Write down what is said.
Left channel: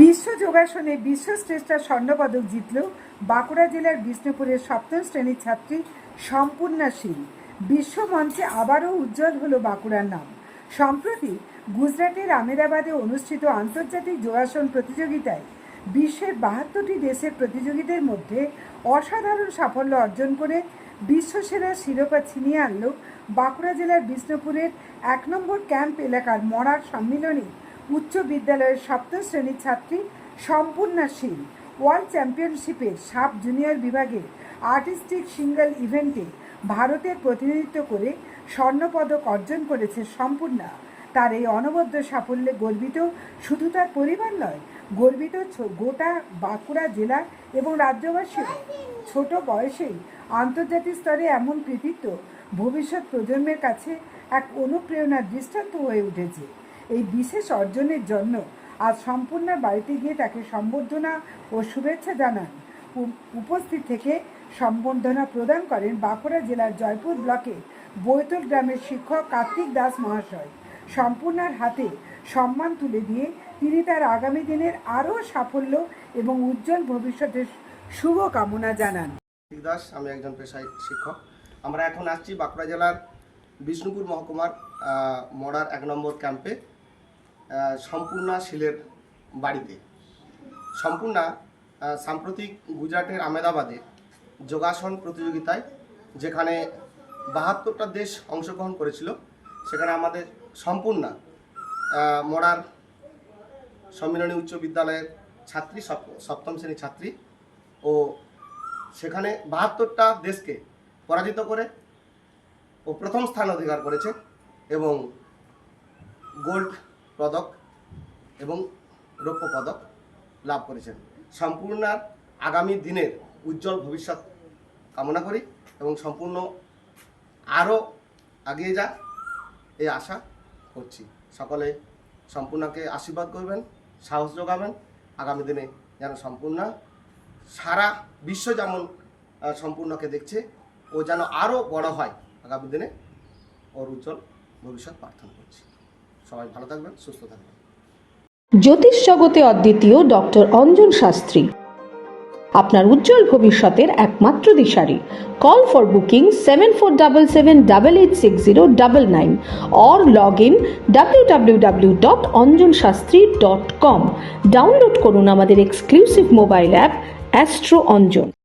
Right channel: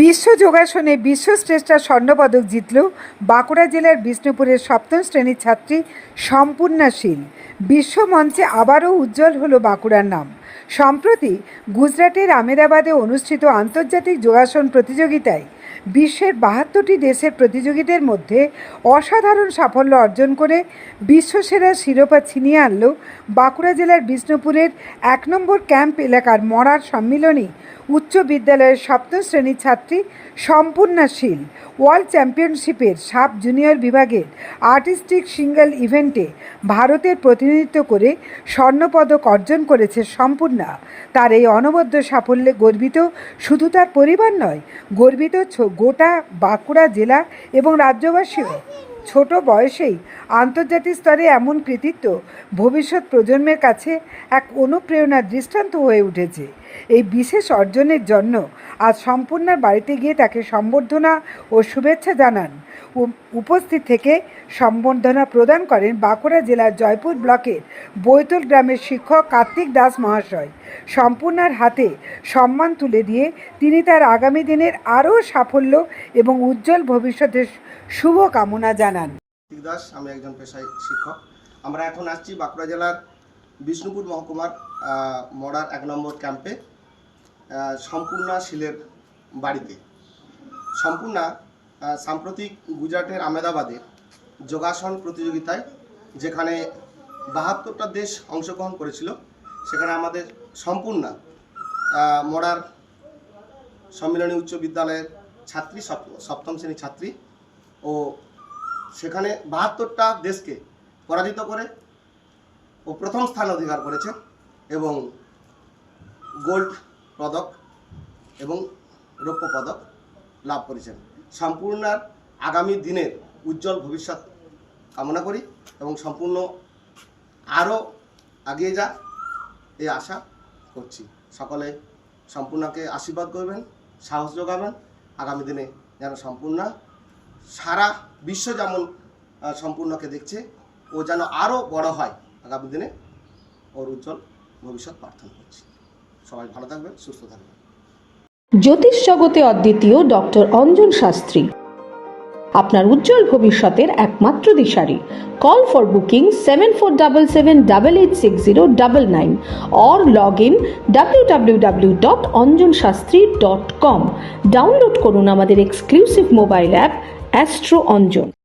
বিশ্ব যোগাসনে বিশ্বশ্রেষ্ঠা স্বর্ণপদক জিতল বাঁকুড়া জেলার বিষ্ণুপুরের সপ্তম শ্রেণীর ছাত্রী সম্পূর্ণা শীল। বিশ্ব মঞ্চে আবারও উজ্জ্বল হলো বাঁকুড়ার নাম। সম্প্রতি গুজরাটের আমেদাবাদে অনুষ্ঠিত আন্তর্জাতিক যোগাসন প্রতিযোগিতায় বিশ্বের ৭২টি দেশের প্রতিযোগীদের মধ্যে অসাধারণ সাফল্য অর্জন করে বিশ্বসেরা শিরোপা ছিনিয়ে আনল বাঁকুড়া জেলার বিষ্ণুপুরের ১ নম্বর ক্যাম্প এলাকার মরার সম্মিলনী উচ্চ বিদ্যালয়ের সপ্তম শ্রেণীর ছাত্রী সম্পূর্ণা শীল। ওয়ার্ল্ড চ্যাম্পিয়নশিপের সাব জুনিয়র বিভাগের আর্টিস্টিক সিঙ্গল ইভেন্টে ভারতের প্রতিনিধিত্ব করে স্বর্ণপদক অর্জন করেছে সম্পূর্ণা। তার এই অনবদ্য সাফল্যে গর্বিত শুধু তার পরিবার নয়, গর্বিত গোটা বাঁকুড়া জেলা এবং রাজ্যবাসীও। ছোট বয়সেই আন্তর্জাতিক স্তরে এমন কৃতিত্ব ভবিষ্যৎ প্রজন্মের কাছে এক অনুপ্রেরণার দৃষ্টান্ত হয়ে উঠেছে। এই বিশেষ অর্জনের জন্য আজ সম্পূর্ণার বাড়িতে গিয়ে তাকে সম্বর্ধনা ও শুভেচ্ছা জানান। উপস্থিত থেকে সম্বর্ধনা প্রদান করেন বাঁকুড়া জেলার জয়পুর ব্লকের বৈতল গ্রামের শিক্ষক কার্তিক দাস মহাশয়। সম্পূর্ণার হাতে সম্মান তুলে দিয়ে তিনি তার আগামী দিনের আরও সাফল্য এবং উজ্জ্বল ভবিষ্যতের শুভ কামনা জানান। কার্তিক দাস, আমি একজন পেশায় শিক্ষক। আমরা এখন আসছি বাঁকুড়া জেলার বিষ্ণুপুর মহকুমার মরার ১ নম্বর ক্যাম্পে সম্পূর্ণা শীলের বাড়িতে। সম্পূর্ণা সাম্প্রতিক গুজরাটের আমেদাবাদে যোগাসন প্রতিযোগিতায়, যেখানে ৭২টা দেশ অংশগ্রহণ করেছিল, সেখানে আমাদের সম্পূর্ণা মরার সম্মিলনী উচ্চ বিদ্যালয়ের ছাত্রী, সপ্তম শ্রেণীর ছাত্রী, ও সেখানে ৭২টা দেশকে পরাজিত করে ও প্রথম স্থান অধিকার করেছে এবং গোল্ড পদক এবং রৌপ্য পদক লাভ করেছেন। সম্পূর্ণার আগামী দিনের উজ্জ্বল ভবিষ্যৎ কামনা করি এবং সম্পূর্ণ আরও এগিয়ে যাক এই আশা করছি। সকলে সম্পূর্ণাকে আশীর্বাদ করবেন, সাহস যোগাবেন। আগামী দিনে যেন সম্পূর্ণা সারা বিশ্ব যেমন সম্পূর্ণকে দেখছে, ও যেন আরও বড় হয়। আগামী দিনে ওর উজ্জ্বল ভবিষ্যৎ প্রার্থনা করছি। সবাই ভালো থাকবেন, সুস্থ থাকবেন। জ্যোতিষ জগতে অদ্বিতীয় ডক্টর অঞ্জন শাস্ত্রী, আপনার উজ্জ্বল ভবিষ্যতের একমাত্র দিশারি। Call for booking 7477886099 or log in www.anjanshastri.com। Download করুন আমাদের exclusive mobile app astro Anjan.